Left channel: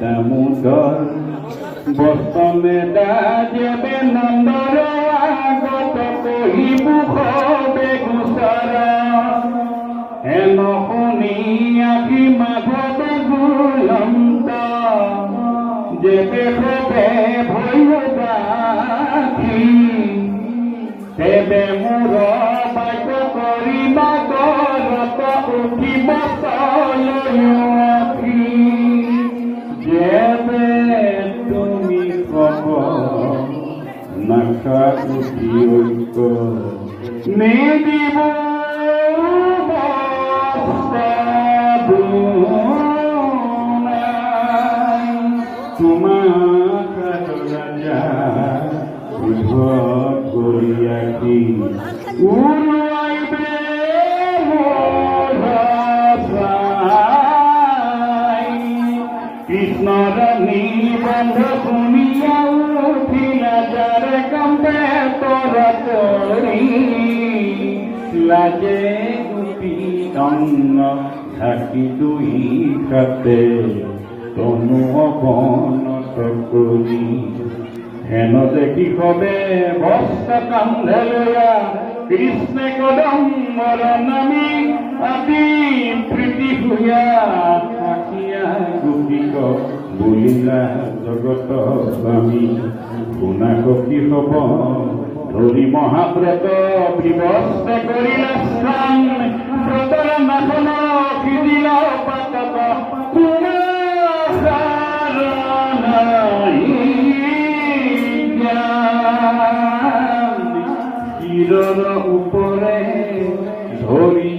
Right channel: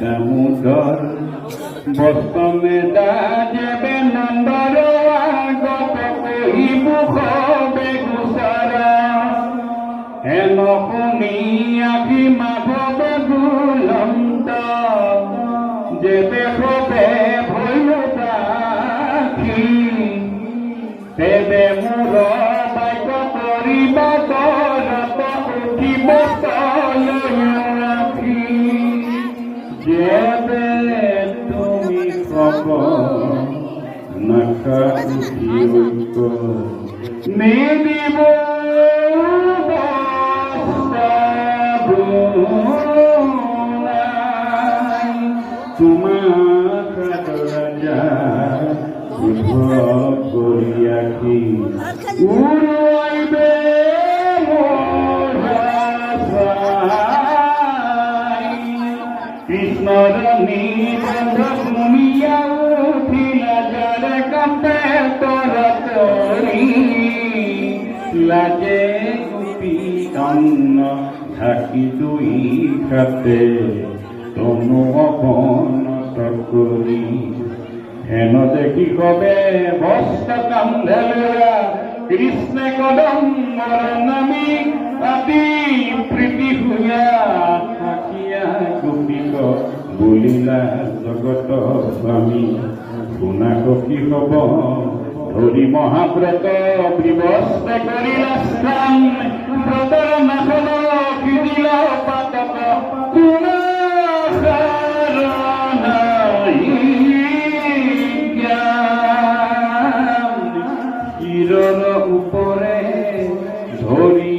দামোদর বস্তমে দাজেবে নন্দর আগত কহিব হবে গুচাৰ হেন শুনি আখি মাধৱ বুলন্ত যেবে হবে ভৈল দাখি তেবে মোৰ বাক্য কৰিবা দৰত উঠিব আখি যেবে তুমি কব নাখা উঠি ঐক্য মেলিব তোমাক ৰাজা কৰি আখি উৰুৱাইবে কৃষ্ণৰ নিবন্ধ শুনিয়া উঠিলা যাৰে কণ্ঠে তৰাতৰি লাজে গোপী অন্ন ঢাকি দুই হাতে তনু অৱনত কৰি হেন দেখি কবে বস্ত্ৰ কান্ধে লয়া কৃষ্ণে কদমৰ নামি আদি প্ৰীতি ভূঞা আখিয়া গোপীক বুলিলা জগত স্বামী শুনা কি হব ধৰি মহাব্ৰত বিবস্ত কৰিলা স্থান ব্ৰতৰ নাশন সিজিলা পাতক চিৰৰ ওপৰে ধৰি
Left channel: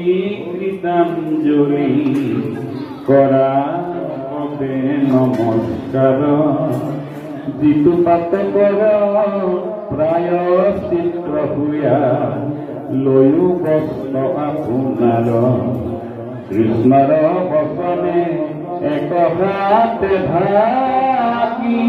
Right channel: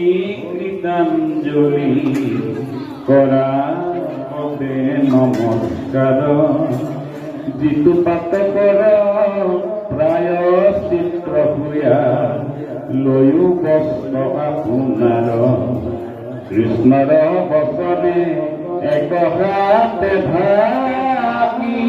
কৃতাঞ্জলি কৰা হবে নমস্কাৰ যিটো পাতকৰ প্ৰায় চিত্ৰ ভূঞা লৈও বস্ত্ৰ আপোনাৰ কৃষ্ণৰ বচনে এক হাতে ঢাকি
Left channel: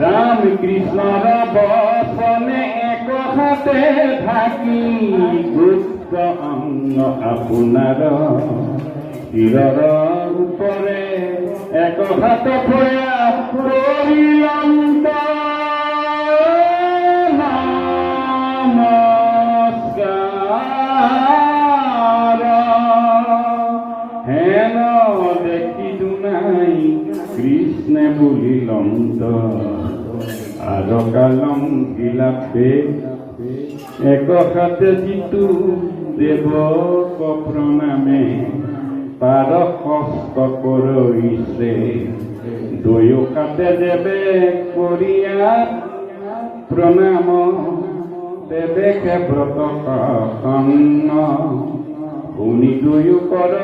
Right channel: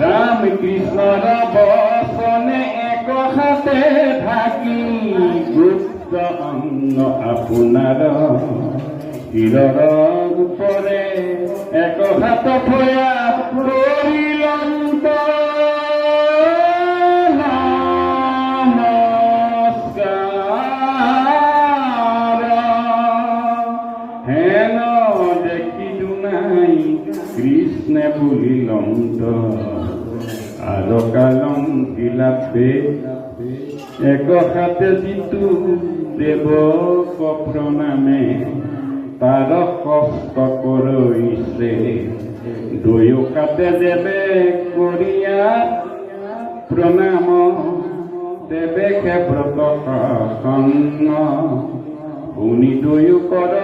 রাম কৃষ্ণৰ বচনে এক হাতে ঢাকি গুপ্ত অন্ন আপোনাৰ শিৰৰ ওপৰে এক হাত ভয়া কৰিলন্ত নমস্কাৰ হেন দেখি দুনাই কৃষ্ণে বুলিলন্ত আলকালম বিলাপে এক হাতে যিটো দেৱক প্ৰণামে তাৰ হস্ত কৰিছে দুয়ো হাতে দেৱে কৰিয়া প্ৰণাম দেৱে ব্ৰত কন্ন শুনি দুয়ো কৰ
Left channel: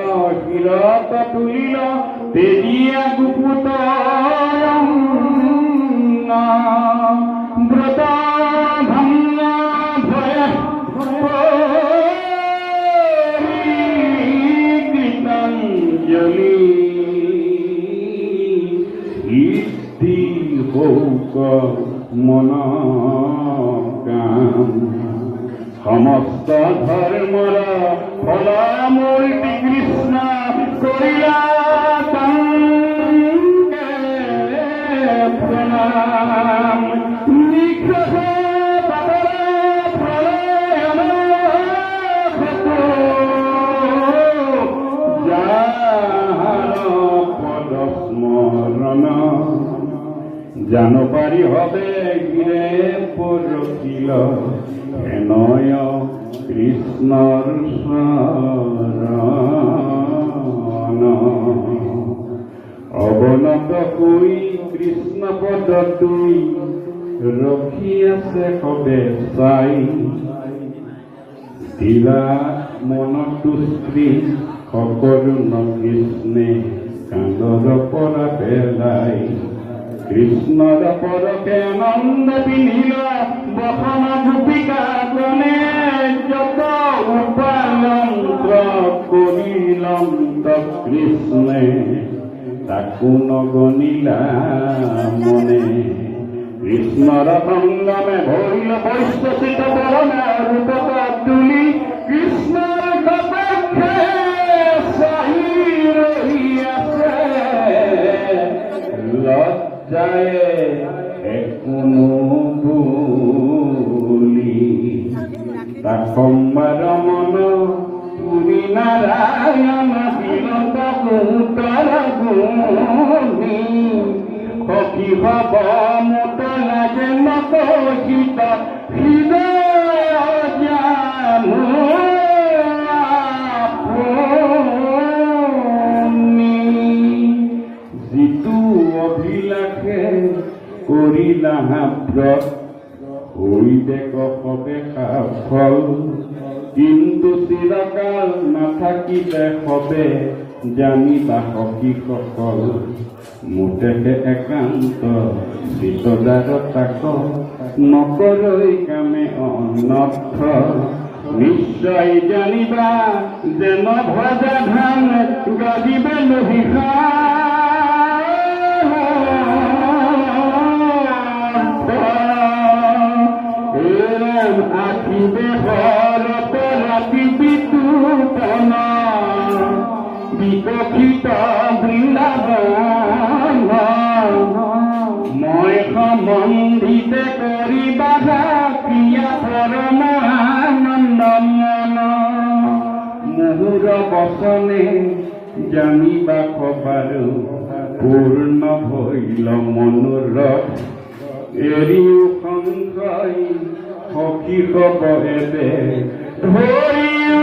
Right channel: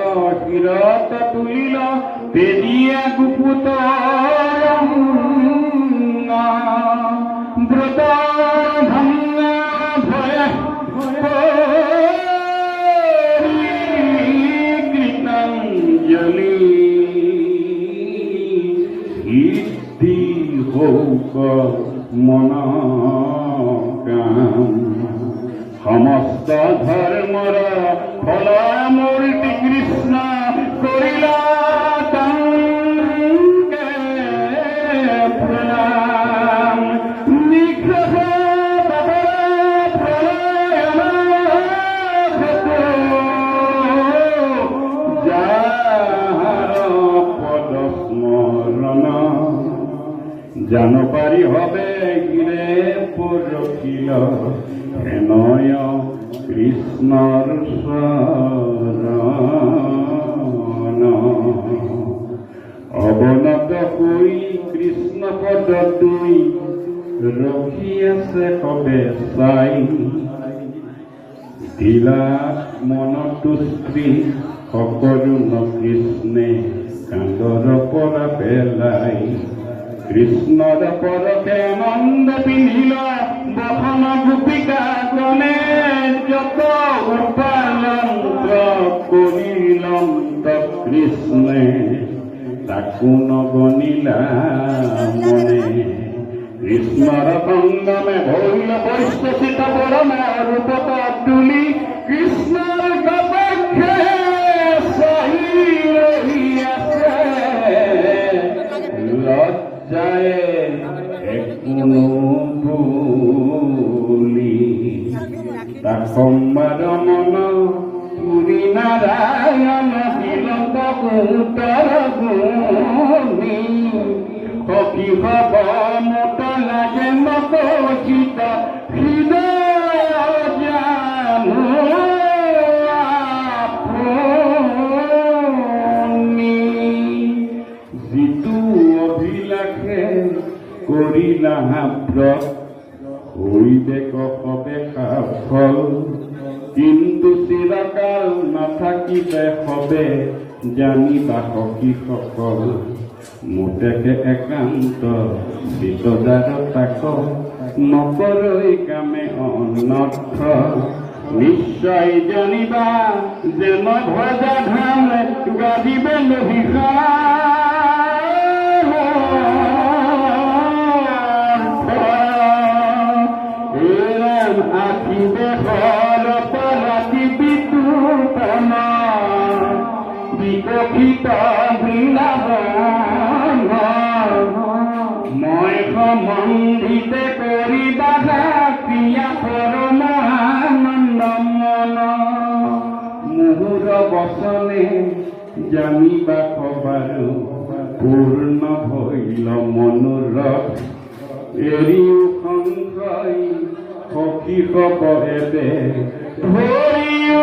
শিৰত তুলিল তেজিয়া গুপুত ব্ৰত ভঙ্গা ভয় কৃতাঞ্জলি সিদ্ধি হৌক মন কাম সমস্ত ধৰ্মৰ ফল মূৰ্তি কৃষ্ণ কৰিলা প্ৰণাম নিগ্ৰহ জান পাৰি হবে গিৰে পৰখিল হেনয় কৃষ্ণৰ শৰণ অৱনত হৈ কৃষ্ণ পদ দুই ৰখি আছে কবে চাই দিলা মনত স্ত্ৰী সকলো কৃষ্ণে কান্দৰ পৰা পেলাই কৃষ্ণৰ পৰকে নন্দ পিন্ধিল বসন গোপিকা গণে যত উপালন্ত কৰিলন্ত কৃষ্ণে তাকো নগনিলা মনে কৃষ্ণ কৃষ্ণর সঙ্গমে ভৈল বৈশ্বসিত বরণের উপতা তুলি কৃষ্ণর কটাক্ষে সাহি রহিয়াছে লজ্জায় একুনো ভুলি তাকম্বা রমন পুরী নারায়ণ বিলত কুতর গুণী সখী হব মোতলা যেন কহিত হৃদয় জানো আপুনি যিটো অভিলাষে কৰিলা ব্ৰত হৰিদেক সবে সাফল কিন্তু চিৰকাল নাথাকিলে সবে জানিবা সখীসকল মোতেকে একান্ত চিতদাৰ তাক নকৰৈ কামে অনৰ্থ নিশ্চয় জানিবা যেন ভজা ধান গাজিবে লহিষা আঁকিবে ঘৰত ৰাতি বিতুপনা বিকশিত বৃন্দাবন মই সম্বন্ধিত কৰিবা প্ৰিয়া পৰমানন্দ মন মুহুৰ বচনে জানিবা খবাৰো পূৰ্ণ ভৈল মনোৰথ এৰিও সংশয় সখী হব এবে হৰিও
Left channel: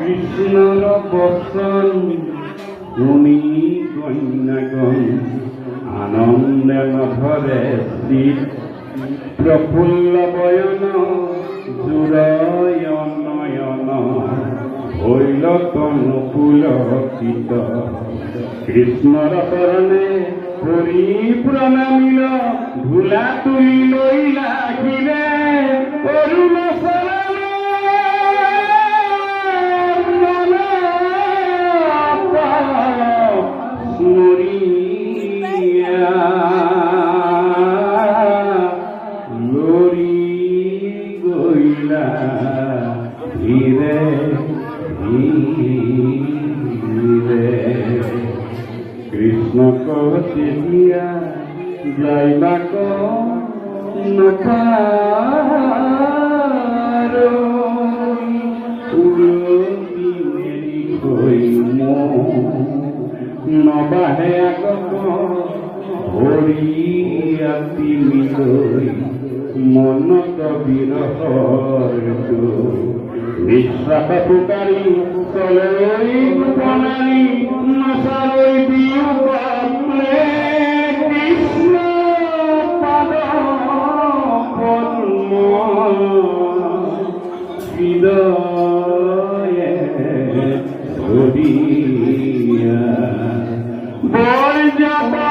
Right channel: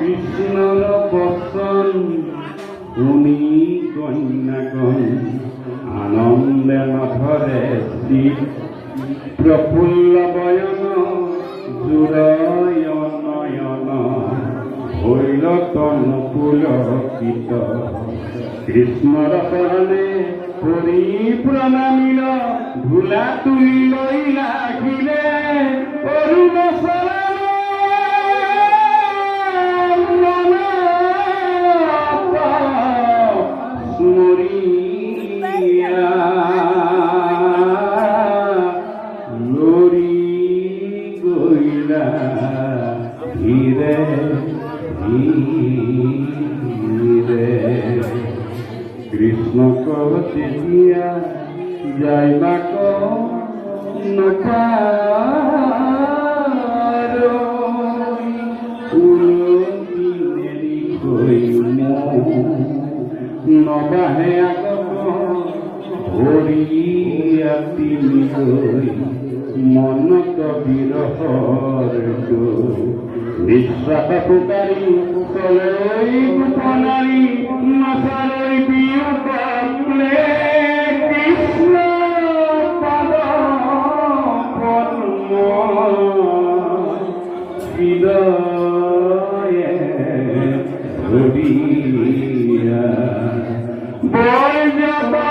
কৃষ্ণৰ বচন শুনি কন্যাগণ আনন্দে নভৰে চিত প্ৰফুল্ল বয়ন জুৰয় নয়ন হইল অনুকূলকিত কৃষ্ণৰ চৰণে হৰি প্ৰণামিল ধূলা তুলি লৈ লাগিলে অৰুণ কৃষ্ণ কবতে দিয়া যাইবা নবাহে আগত ভৰিয়া তিনি গৈ মনত বিৰহৰ বিশ্বাস পুকাৰি চলৈ পুনাৰি নচালৈ বিয়োগ কৃষ্ণ পদ পদ্ম হৃদয়ে ধৰিয়া বৰজাবা